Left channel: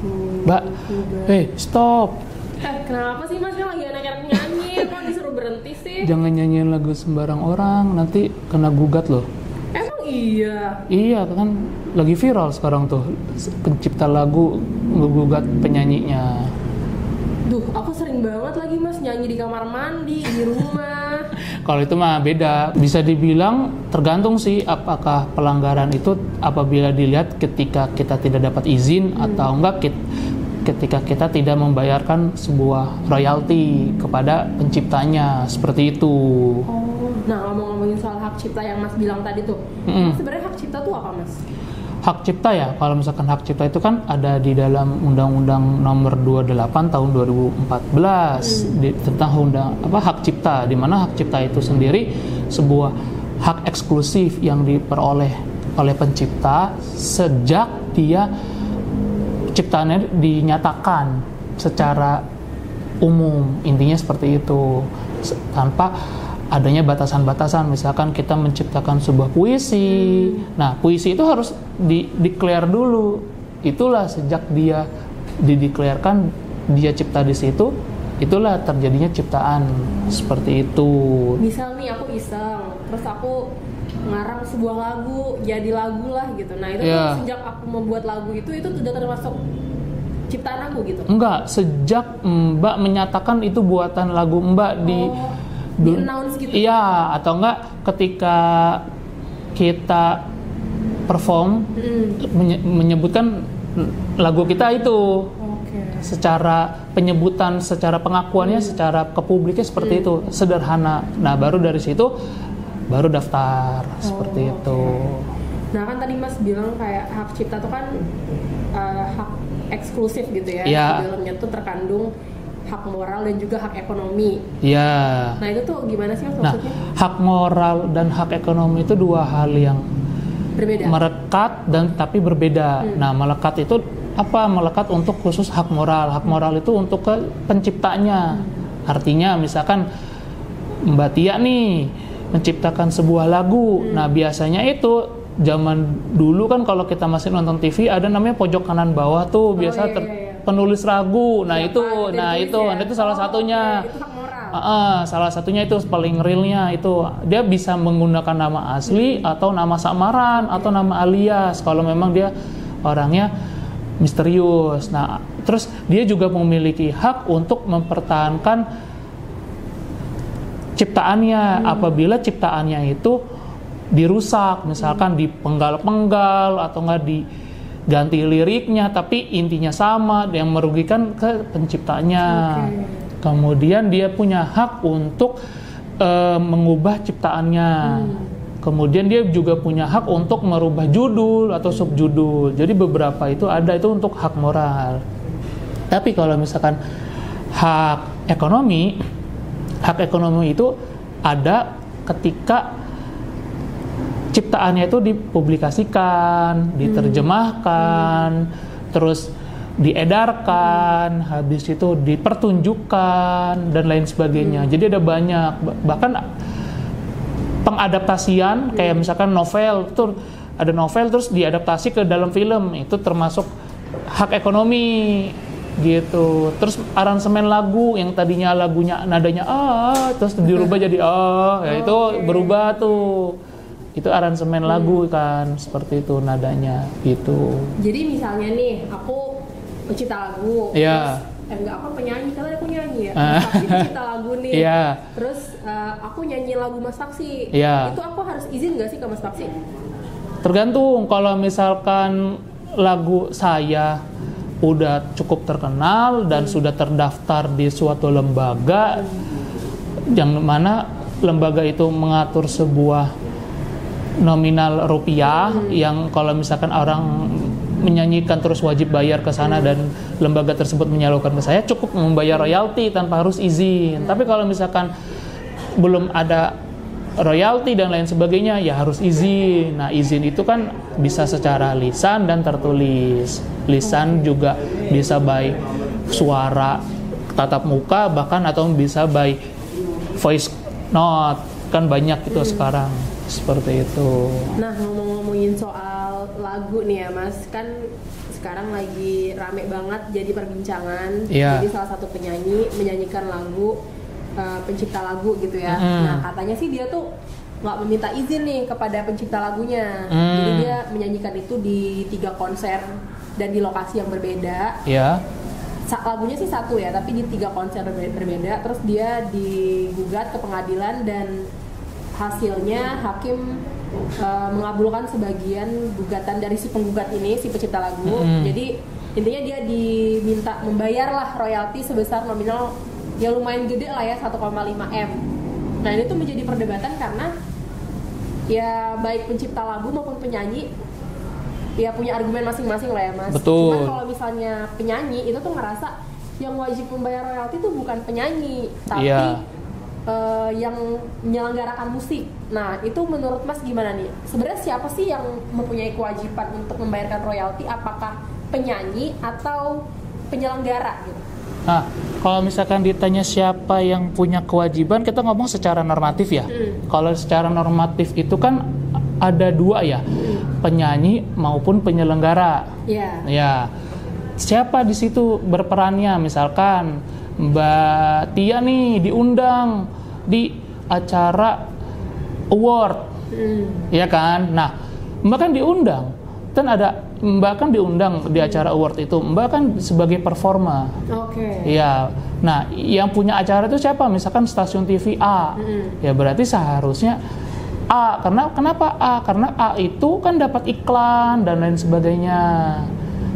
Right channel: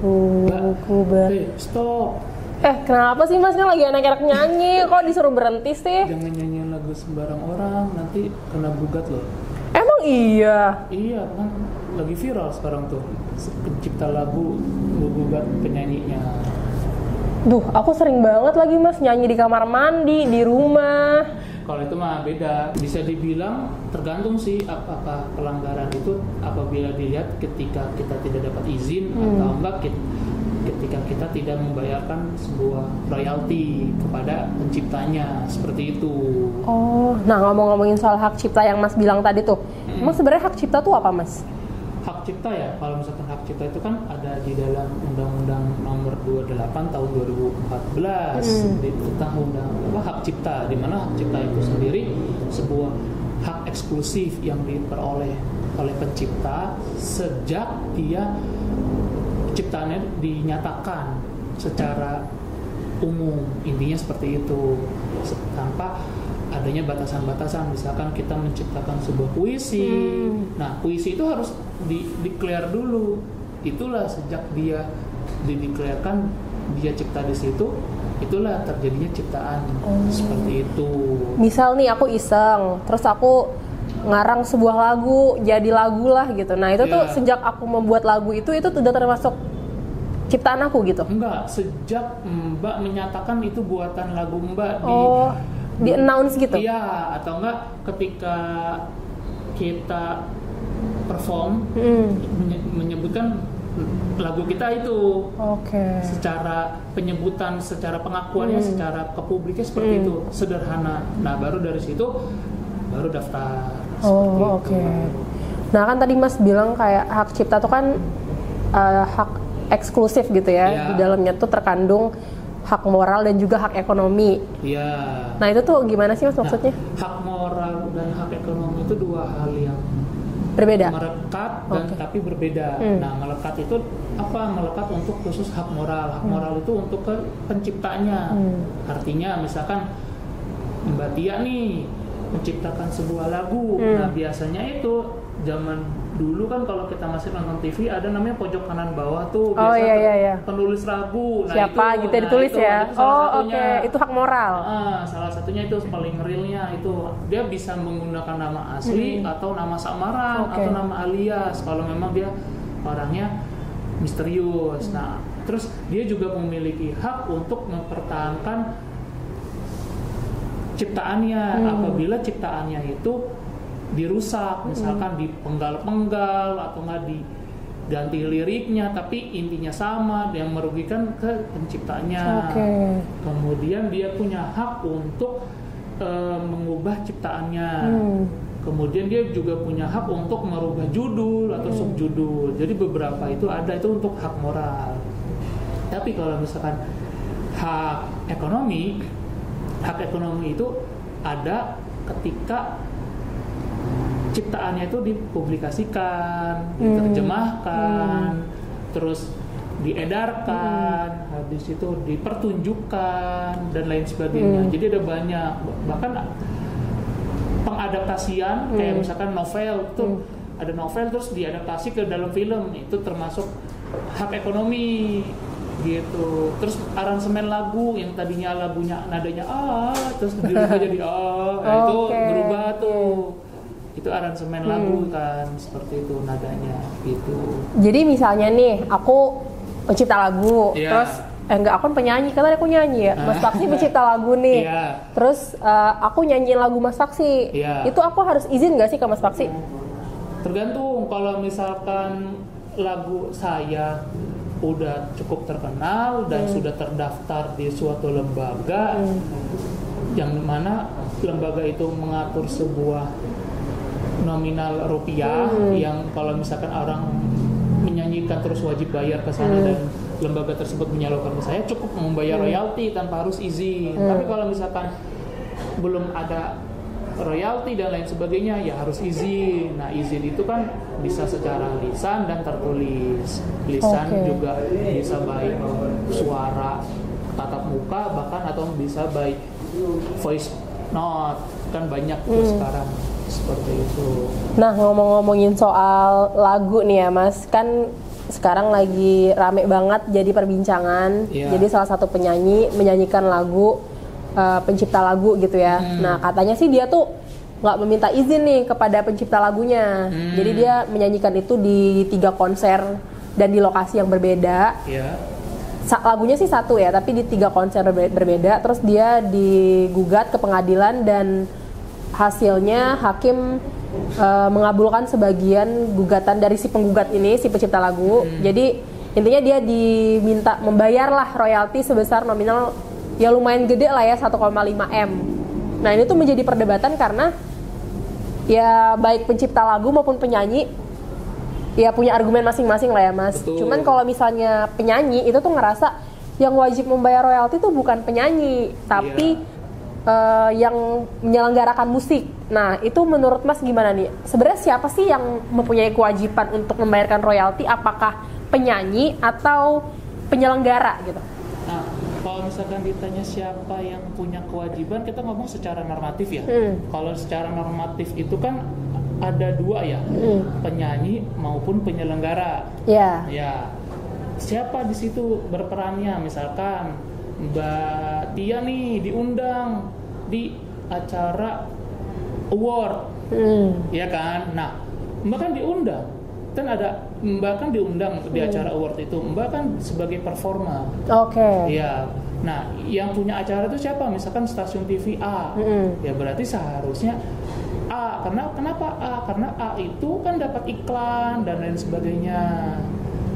Mbak, stop. Kenapa sih Mas, kan lagi enak-enak nyanyi, kok disuruh berhenti sih? Jangan nyanyiin lagu sembarang orang, nanti kena gugat loh. Emang iya? Iya kan, lagi viral sekarang tuh, pencipta lagu menggugat penyanyinya. Duh, aku sering banget lagi Mas nyanyi di kamar mandi, di rumah. Kalau itu mah beda, bisa dibilang tergantung sih apakah pelanggaran itu apabila dilihat ketika kita tidak dapat izin atau enggak ketika kita tidak membayarkan sebuah royalti kepada penciptanya, seperti itu. Oh, nah ngomongin soal hak cipta yang Mas bilang tadi tuh, Mas sebenarnya hak cipta tuh apa Mas? Hak cipta ya, kalau misalkan hak cipta itu kan ada di dalam Undang-Undang Nomor 28 Tahun 2014 tentang hak cipta, di mana hak cipta itu sendiri sebuah hak eksklusif yang diperoleh oleh pencipta sejak dia ciptaannya dinyatakan secara umum, intinya seperti itu, tanpa adanya batasan-batasan. Misalkan kita menciptakan sebuah puisi, nah puisi itu harus declare dulu. Itulah sejak dia dideklarkan dia cipta di situ, itulah terjadinya ciptaan seperti itu. Misal nih aku iseng, terus aku ngarang sebuah lagu, jadi lagu lah gitu. Nah itu tuh sejak aku membuat lagu itu sudah termasuk ciptaan aku gitu? Enggak, sejak Mbak menyatakan itu buatan lagu Mbak di announce gitu? Iya, atau enggak ketika kita perform menyebutkan lagu kita itu. Secara penyebutan, secara pengakuannya, secara ke publiknya seperti itu, sederhana. Nah, baru dari situ baru daftar seperti itu. Nah, kan tadi Mas bilang kayak hak cipta itu kan hak eksklusif gitu ya. Di dalamnya tuh terkandung hak moral dan juga hak ekonomi. Iya. Nah itu tuh gimana sih Mas maksudnya? Hak moral dan hak ekonomi itu dua hal yang berbeda. Melekat dan tapi berbeda. Nah, melekat itu apa? Melekat untuk khusus hak moral. Hak moral itu untuk ke penciptanya. Artinya misalkan Mbak Tia nih menciptakan sebuah lagu. Nah, biasanya itu zaman dulu kan kalau kita masih nonton TV ada namanya pojok kanan bawah tuh biasa penulis lagu. Nah, siapa, itu salah satunya. Itu hak moral. Salah satunya itu paling realnya itu dia bisa menggunakan nama asli atau nama samaran atau nama alias kalau memang dia orangnya misterius. Nah, terus dia juga memiliki hak untuk mempertahankan ciptaannya apabila ciptaannya itu dirusak, misalkan dipenggal-penggal atau nggak diganti liriknya, tapi intinya sama, yang merugikan ke penciptanya. Kemudian dia punya hak untuk mengubah ciptaannya. Kemudian dia juga punya hak untuk merubah judul atau subjudul. Jadi beberapa itu ada itu untuk hak moral. Tapi kalau misalkan hak ekonomi itu ada ketika ciptaannya itu dipublikasikan, diterjemahkan, terus diedarkan, habis itu dipertunjukkan dan lain sebagainya. Jadi ada banyak, bahkan pengadaptasian kayak misalkan novel tuh ada novel terus diadaptasi ke dalam film, itu termasuk hak ekonomi gitu. Terus aransemen lagu yang tadinya lagunya nadanya terus dirubah jadi ya itu berubah tuh. Itu aransemen lagu kan, seperti itu nadanya gitu. Jadi misalnya nih aku pencipta lagu, terus aku penyanyi, kan aku nyanyi ya. Mas Faksi pencipta lagu nih. Terus aku nyanyiin lagu Mas Faksi. Itu aku harus izin nggak sih ke Mas Faksi? Tergantung. Kalau misalkan lagu saya udah cukup terkenal dan sudah terdaftar di suatu lembaga yang mana lembaga itu mengatur sebuah nominal rupiah yang kalau misalkan orang menyanyikan terus wajib bayar ke sana dan lembaga tersebut menyalurkan ke saya, cukup membayar royalti tanpa harus izin. Tapi kalau misalkan belum ada royalti dan lain sebagainya, ya harus izin. Nah, izin itu kan bisa secara lisan dan tertulis. Lisan juga bisa by suara tatap muka, bahkan atau bisa by voice note, kan banyak itu sekarang Seperti itu. Nah, ngomong-ngomongin soal lagu nih ya Mas, kan sekarang lagi rame banget jadi perbincangan. Jadi salah satu penyanyi menyanyikan lagu, pencipta lagu gitu ya. Nah, katanya sih dia tuh nggak meminta izin nih kepada pencipta lagunya. Jadi dia menyanyikan itu di 3 konser dan di lokasi yang berbeda. Lagunya sih satu ya, tapi di 3 konser berbeda. Terus dia digugat ke pengadilan dan hasilnya hakim mengabulkan sebagian gugatan dari si penggugat ini, si pencipta lagu. Jadi intinya dia diminta membayarlah royalti sebesar nominal ya lumayan gede lah ya, 1,5 M. Nah ini tuh menjadi perdebatan karena ya baik pencipta lagu maupun penyanyi ya punya argumen masing-masing lah ya Mas. Betul. Cuman kalau misalnya penyanyi itu tuh ngerasa yang wajib membayar royalti itu bukan penyanyi, tapi yang menyelenggarakan musik. Nah itu menurut Mas gimana nih? Sebenarnya siapa sih yang mempunyai kewajiban untuk membayarkan royalti? Apakah penyanyi atau penyelenggara gitu? Nah, kalau misalkan ditanya siapa yang punya kewajiban, kita ngomong secara normatif ya. Kalau secara normatif itu kan ada 2 ya, penyanyi maupun penyelenggara. Ya, siapa di situ berperannya? Misalkan Mbak Tia nih diundang di acara award, ya kan? Nah, Mbak kan diundang, kan ada Mbak kan diundang di acara award itu, Mbak kan sebagai performa. Ya, nah yang punya acara itu siapa? Misalkan stasiun TV A, ya berarti seharusnya A. Kenapa A? Karena A itu kan dapat iklan dan lain sebagainya,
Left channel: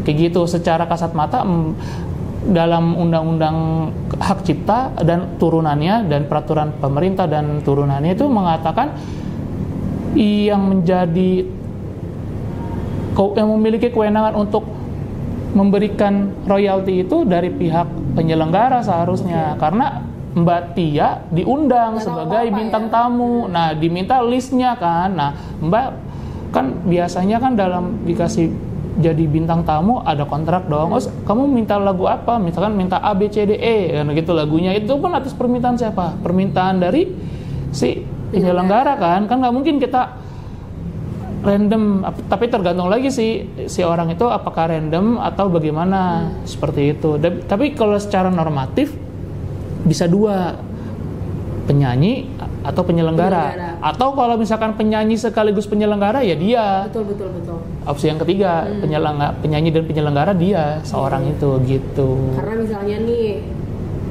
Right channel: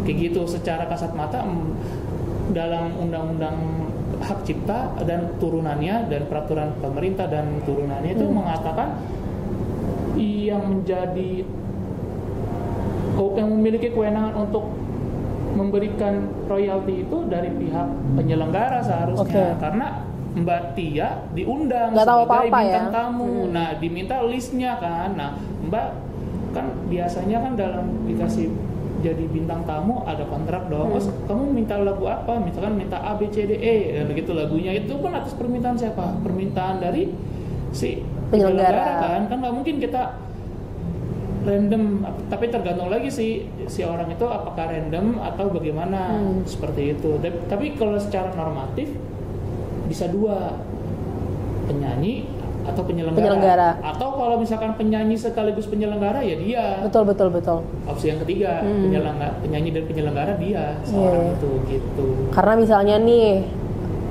kayak gitu. Secara kasat mata dalam undang-undang hak cipta dan turunannya dan peraturan pemerintah dan turunannya itu mengatakan yang memiliki kewenangan untuk memberikan royalti itu dari pihak penyelenggara seharusnya. Karena Mbak Tia diundang sebagai bintang tamu. Nah, diminta listnya kan. Nah, Mbak kan biasanya kan dalam dikasih jadi bintang tamu ada kontrak dong. Kamu minta lagu apa? Misalkan minta A, B, C, D, E, gitu lagunya. Itu pun atas permintaan siapa? Permintaan dari si penyelenggara kan. Kan nggak mungkin kita random. Tapi tergantung lagi si orang itu apakah random atau bagaimana. Seperti itu. Tapi kalau secara normatif bisa 2, penyanyi atau penyelenggara. Atau kalau misalkan penyanyi sekaligus penyelenggara ya dia. Betul. Opsi yang ketiga, penyanyi dan penyelenggara dia seorang itu gitu. Karena misalnya nih,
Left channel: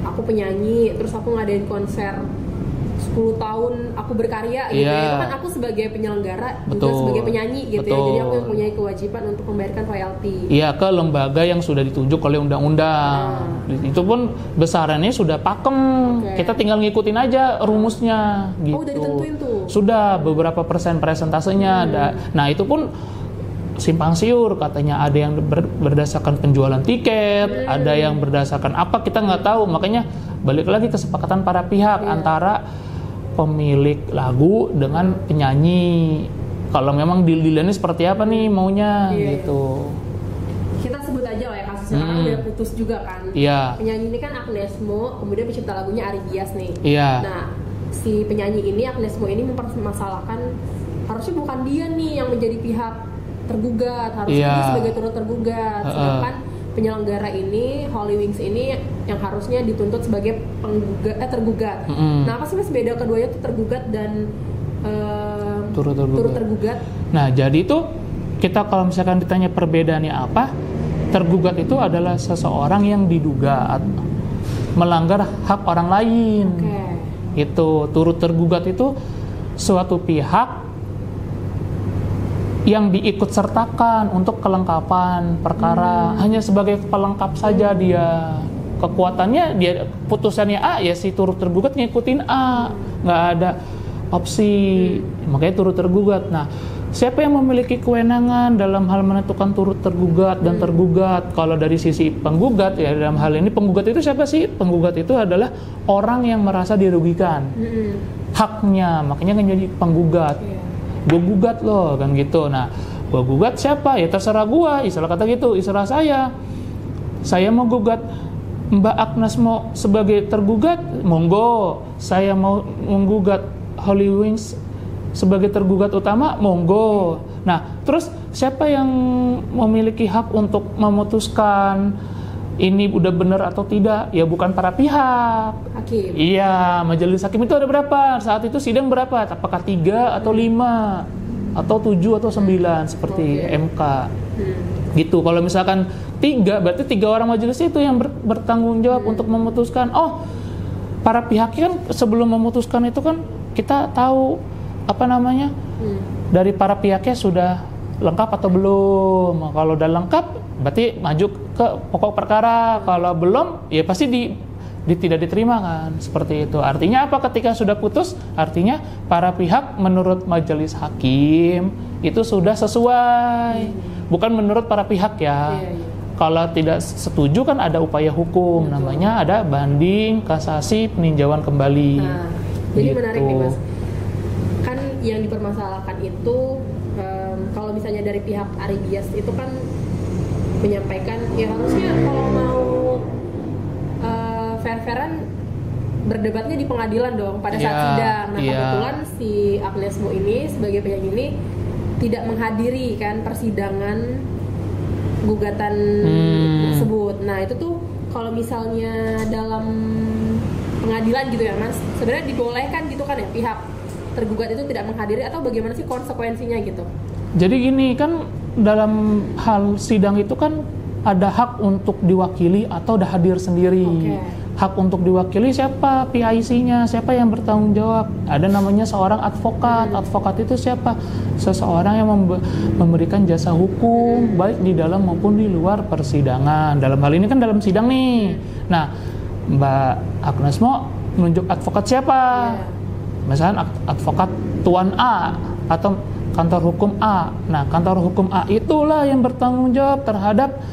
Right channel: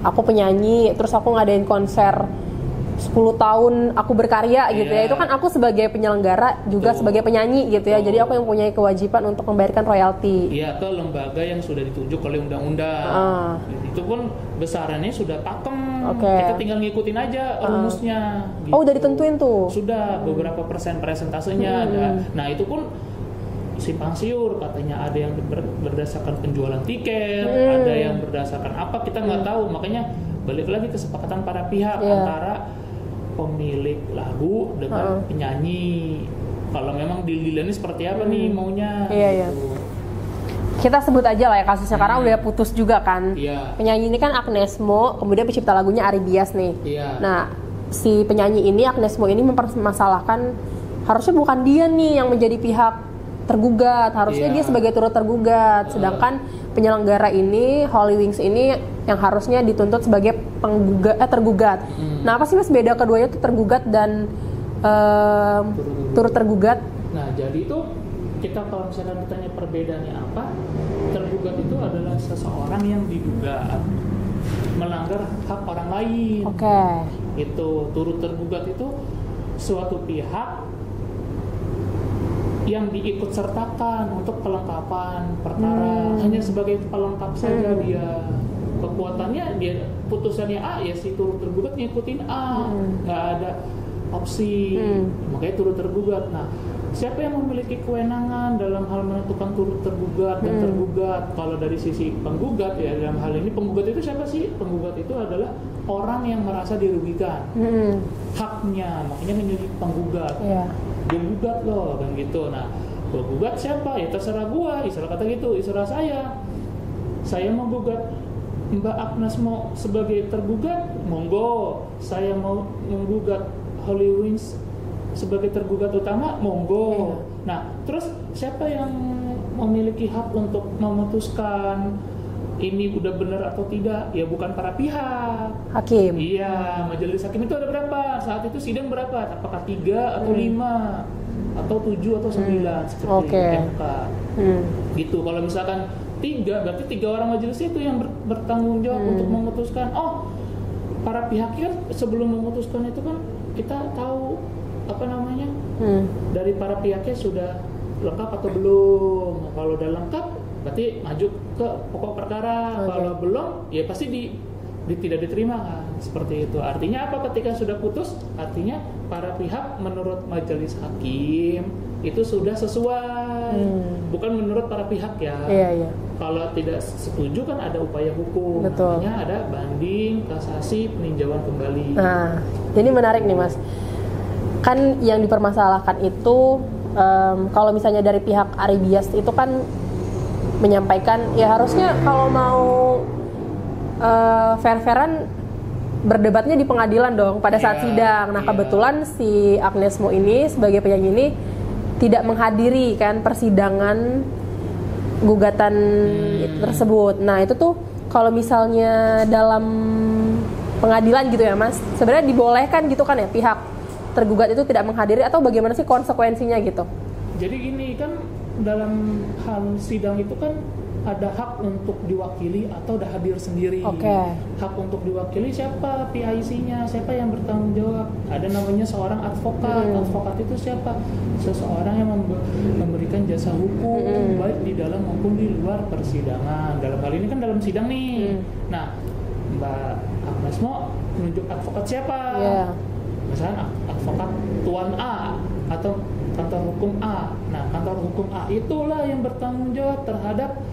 aku penyanyi terus aku ngadain konser 10 tahun aku berkarya gitu ya. Itu kan aku sebagai penyelenggara juga sebagai penyanyi gitu ya. Jadi aku yang punya kewajiban untuk membayarkan royalti. Iya, ke lembaga yang sudah ditunjuk oleh undang-undang. Itu pun besarannya sudah pakem. Kita tinggal ngikutin aja rumusnya gitu. Oh, udah ditentuin tuh. Sudah beberapa persentasenya ada. Nah, itu pun simpang siur, katanya ada yang berdasarkan penjualan tiket, ada yang berdasarkan apa, kita nggak tahu. Makanya balik lagi kesepakatan para pihak antara pemilik lagu dengan penyanyi. Kalau memang deal-dealnya seperti apa nih maunya gitu. Kita sebut aja lah ya kasusnya, karena udah putus juga kan. Penyanyi ini kan Agnes Mo, kemudian pencipta lagunya Ari Bias nih. Nah, si penyanyi ini, Agnes Mo ini mempermasalahkan harusnya bukan dia nih yang menjadi pihak tergugat, harusnya dia sebagai turut tergugat. Sedangkan penyelenggara ini, Holy Wings ini yang harusnya dituntut sebagai tergugat. Nah, apa sih Mas beda keduanya tuh tergugat dan turut tergugat? Nah, jadi itu kita kalau misalkan ditanya perbedaannya apa, tergugat itu adalah seseorang yang diduga melanggar hak orang lain. Itu turut tergugat itu suatu pihak yang diikutsertakan untuk kelengkapan perkara, hanya sebagai pelengkap saja dia. Kekuatannya dia putusannya A, ya si turut tergugat ngikutin A, nggak ada opsi, makanya turut tergugat. Nah, siapa yang memiliki kewenangan dalam hal menentukan turut tergugat dan tergugat? Kalau dari sisi penggugat ya, dalam hal ini penggugat itu siapa sih? Penggugat itu adalah orang yang merasa dirugikan haknya, makanya kan jadi penggugat. Gue gugat loh kan gitu. Nah, gue gugat siapa? Ya terserah gue, istilah kata gitu, istilah saya mau gugat Mbak Agnes Mo sebagai tergugat, monggo. Saya mau menggugat Holy Wings sebagai tergugat utama, monggo. Nah, terus siapa yang memiliki hak untuk memutuskan ini udah benar atau tidak? Ya bukan para pihak. Hakim. Iya, majelis hakim itu ada berapa? Saat itu sidang berapa? Apakah 3 atau 5 atau 7 atau 9 seperti MK. Gitu. Kalau misalkan 3, berarti 3 orang majelis itu yang bertanggung jawab untuk memutuskan. Oh, para pihaknya kan sebelum memutuskan itu kan kita tahu dari para pihaknya sudah lengkap atau belum. Kalau udah lengkap berarti maju ke pokok perkara. Kalau belum ya pasti tidak diterima kan, seperti itu. Artinya apa ketika sudah putus? Artinya para pihak menurut majelis hakim itu sudah sesuai. Bukan menurut para pihak ya. Kalau tidak setuju kan ada upaya hukum. Betul. Namanya ada banding, kasasi, peninjauan kembali. Nah, jadi menarik nih Mas. Kan yang dipermasalahkan itu kalau misalnya dari pihak Ari Bias itu kan menyampaikan ya harusnya kalau mau fair-fairan berdebatnya di pengadilan dong pada saat sidang. Nah kebetulan si Agnes Mo ini sebagai penyanyi ini tidak menghadiri kan persidangan gugatan tersebut. Nah itu tuh kalau misalnya dalam pengadilan gitu ya Mas, sebenarnya dibolehkan gitu kan ya pihak tergugat itu tidak menghadiri atau bagaimana sih konsekuensinya gitu? Jadi gini kan dalam hal sidang itu kan ada hak untuk diwakili atau ada hadir sendiri. Hak untuk diwakili siapa? PIC-nya, siapa yang bertanggung jawab? Ada namanya seorang advokat. Advokat itu siapa? Seseorang yang memberikan jasa hukum baik di dalam maupun di luar persidangan. Dalam hal ini kan dalam sidang nih. Nah, Mbak Agnes Mo menunjuk advokat siapa? Misalnya advokat Tuan A atau kantor hukum A. Nah, kantor hukum A itulah yang bertanggung jawab terhadap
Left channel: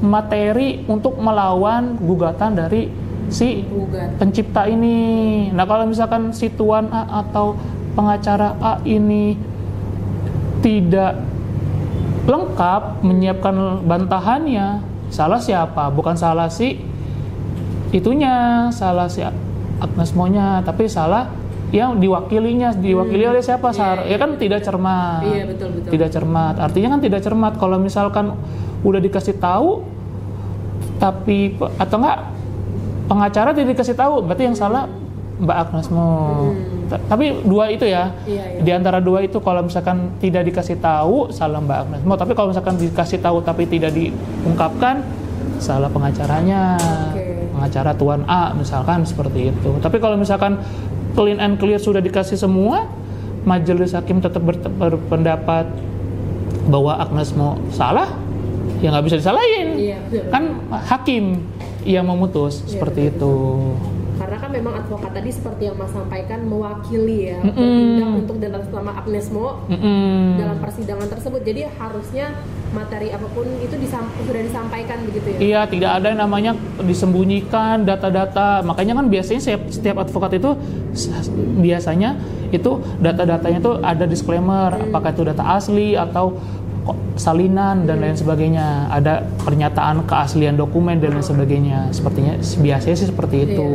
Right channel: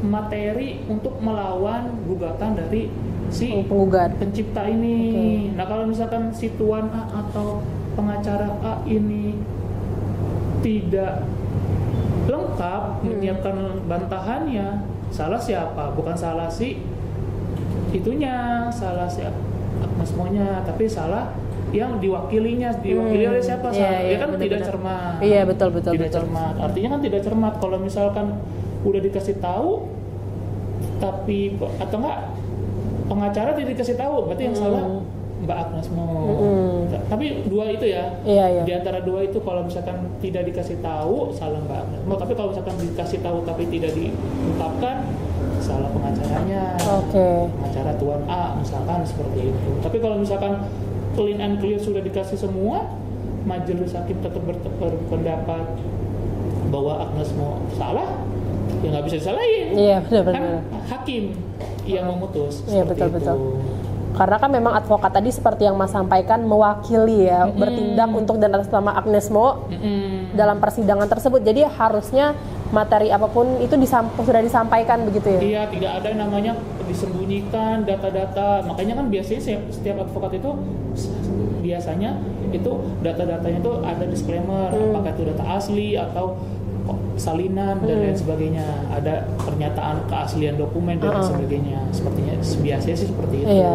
materi untuk melawan gugatan dari si pencipta ini. Nah, kalau misalkan si Tuan A atau pengacara A ini tidak lengkap menyiapkan bantahannya, salah siapa? Bukan salah si itunya, salah si Agnes Mo-nya, tapi salah yang diwakili oleh siapa? Ya kan tidak cermat. Iya, betul. Tidak cermat. Artinya kan tidak cermat. Kalau misalkan udah dikasih tahu tapi atau enggak pengacara tidak dikasih tahu, berarti yang salah Mbak Agnes Mo. Tapi dua itu ya. Di antara dua itu kalau misalkan tidak dikasih tahu salah Mbak Agnes Mo, tapi kalau misalkan dikasih tahu tapi tidak diungkapkan salah pengacaranya. Pengacara Tuan A misalkan seperti itu. Tapi kalau misalkan clean and clear sudah dikasih semua, majelis hakim tetap berpendapat bahwa Agnes Mo salah, ya nggak bisa disalahin. Kan hakim yang memutus seperti itu. Karena kan memang advokat tadi seperti yang Mas sampaikan mewakili ya, bertindak untuk dan atas nama Agnes Mo dalam persidangan tersebut. Jadi harusnya materi apapun itu sudah disampaikan begitu ya? Iya, tidak ada yang namanya disembunyikan data-data. Makanya kan biasanya setiap advokat itu biasanya itu data-datanya itu ada disclaimer, apakah itu data asli atau salinan dan lain sebagainya. Ada pernyataan keaslian dokumen dan lain sebagainya. Sepertinya biasanya sih seperti itu.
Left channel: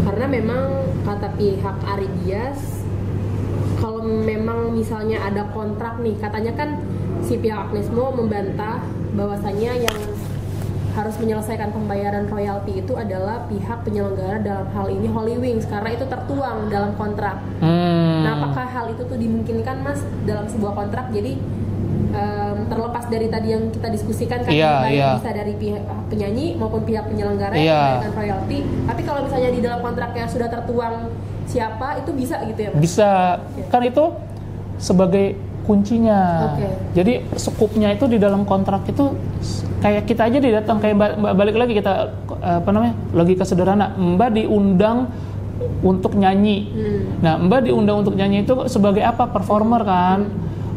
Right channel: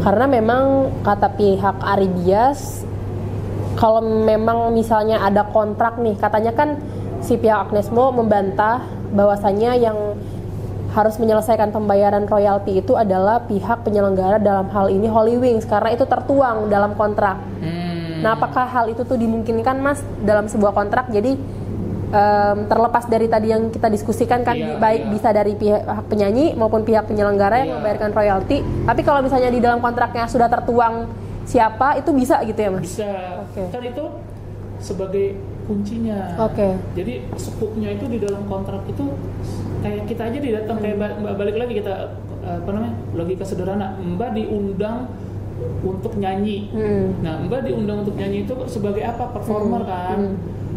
Karena memang kata pihak Ari Bias, kalau memang misalnya ada kontrak nih, katanya kan si pihak Agnes Mo membantah bahwasanya yang harus menyelesaikan pembayaran royalti itu adalah pihak penyelenggara, dalam hal ini Holy Wings, karena itu tertuang dalam kontrak. Nah, apakah hal itu tuh dimungkinkan Mas dalam sebuah kontrak? Jadi terlepas dari tadi yang kita diskusikan kan, baik bisa dari pihak penyanyi maupun pihak penyelenggara yang membayarkan royalti. Tapi kalau misalnya di dalam kontraknya sudah tertuang siapa, itu bisa gitu ya Mas? Bisa. Kan itu sebagai kuncinya. Jadi skupnya itu di dalam kontrak itu kayak kita aja didatang, kayak balik lagi kita logika sederhana. Mbak diundang untuk nyanyi. Nah, Mbak diundang untuk nyanyi itu sebagai apa? Performer kan.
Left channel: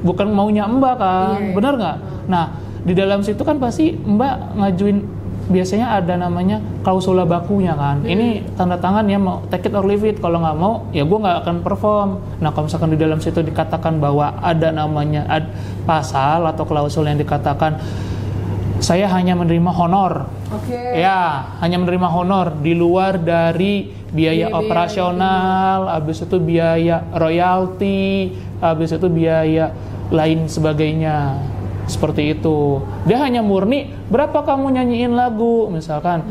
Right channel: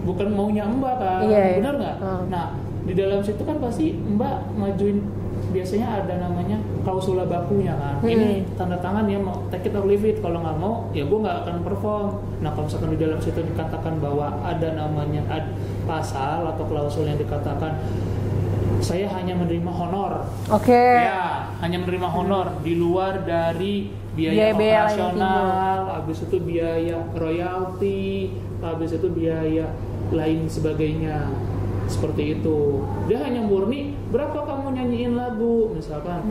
Bukan maunya Mbak kan, benar nggak? Nah, di dalam situ kan pasti Mbak ngajuin, biasanya ada namanya klausula bakunya kan. Ini tanda tangan ya, mau take it or leave it. Kalau nggak mau, ya gue nggak akan perform. Nah, kalau misalkan di dalam situ dikatakan bahwa ada namanya pasal atau klausul yang dikatakan saya hanya menerima honor. Ya, hanya menerima honor di luar dari biaya operasional, habis itu biaya royalti, habis itu biaya lain sebagainya. Seperti itu. Dia hanya murni berapa kamu nyanyiin lagu misalkan.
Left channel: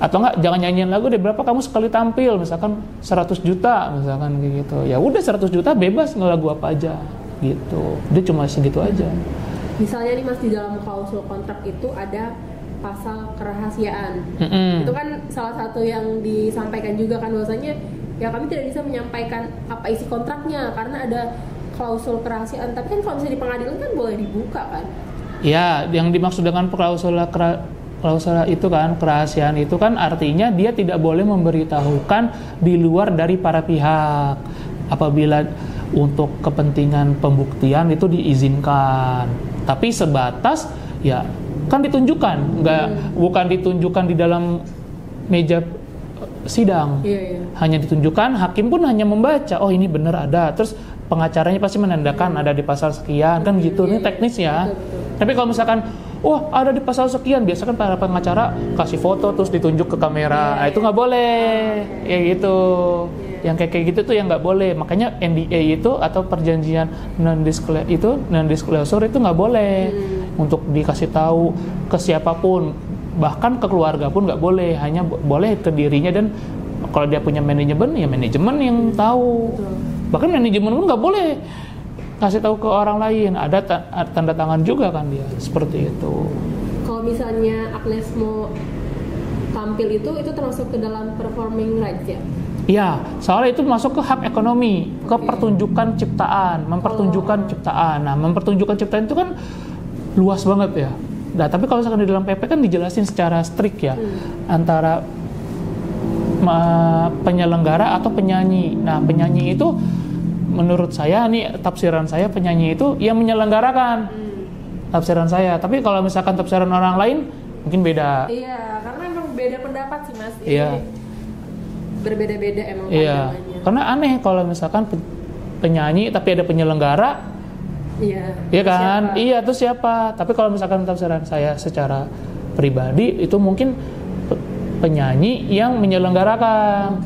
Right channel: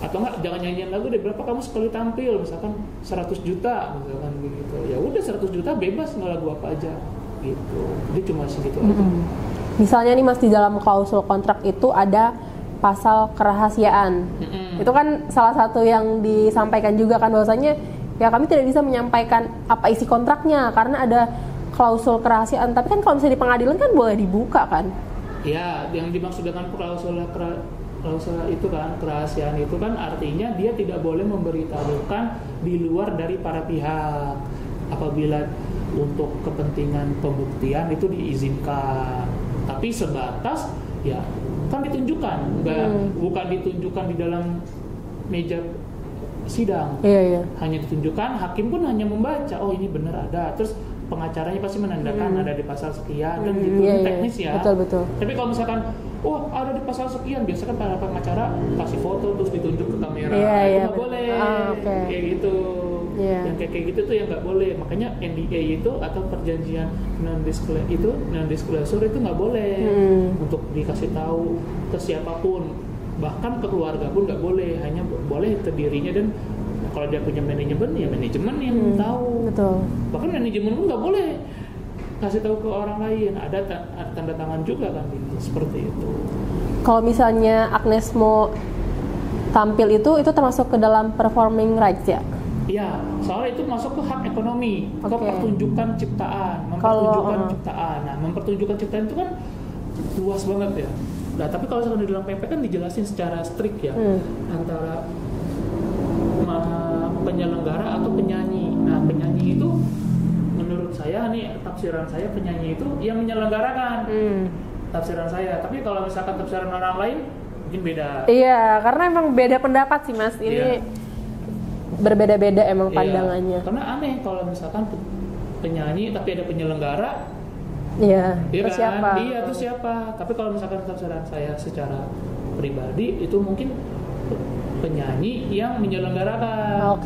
Atau enggak, jangan nyanyiin lagu deh, berapa kamu sekali tampil, misalkan 100 juta misalkan kayak gitu. Ya udah 100 juta bebas ngelagu apa aja gitu. Dia cuma segitu aja. Misalnya nih Mas, di dalam klausul kontrak itu ada pasal kerahasiaan. Itu kan salah satu yang disampaikan juga kan, bahwasanya ya kami tidak bisa menyampaikan apa isi kontraknya karena ada klausul kerahasiaan. Tapi kan kalau misalnya di pengadilan kan boleh dibuka kan? Ya, yang dimaksud dengan klausul itu kan, kerahasiaan itu kan artinya dia tidak boleh memberitahukan di luar dari para pihak. Apabila untuk kepentingan pembuktian itu diizinkan. Tapi sebatas ya kan ditunjukkan, bukan ditunjukkan di dalam meja sidang. Hanya ditunjukkan, hakim pun hanya membaca, oh ini benar ada, terus pengacaranya pasti menandakan ada di pasal sekian kan gitu. Ini teknisnya. Betul. Tapi kalau misalkan ada di pasal sekian, biasanya kan para pengacara kasih foto terus ditunjuk ke kamera. Itu nggak boleh. Ya gitu. Yang kayak gitu tuh yang nggak boleh. Makanya NDA itu atau perjanjian non-disclosure itu nggak boleh untuk dikasih tahu ke siapapun, bahkan ke keluarga pun nggak boleh. Hanya boleh ke dirinya, dan kalau dia punya manajemen ya manajemen yang tahu. Betul. Bahkan manajemen pun nggak boleh kasih tahu ke orang lain. Ada tanda tangan juga kan dia, seperti itu. Kalau misalnya Agnes mau tampil itu termasuk ke dalam performing rights ya? Iya, soalnya itu masuk ke hak ekonomi, ke pertunjukan ciptaan, mempertunjukkan ciptaan. Nah, mempertunjukkan ciptaan itu kan luas banget ya. Nah, tapi kalau misalkan di dalam PP kan dijelasin secara strict ya, antara penyelenggara atau penyanyi. Nah, penyanyi itu menurut saya nih, tafsiran saya, penyanyi itu yang menyelenggarakan. Tafsiran saya. Tapi kalau misalkan tafsiran orang lain mungkin beda. Iya, karena emang beda pendapat sih Mas. Ini berbeda-beda emang pandangannya. Karena aneh kalau misalkan penyanyi tapi ada penyelenggara. Iya kan? Siapa? Iya, itu siapa? Tapi kalau misalkan tafsiran saya secara pribadi itu mungkin penyanyi yang menyelenggarakan.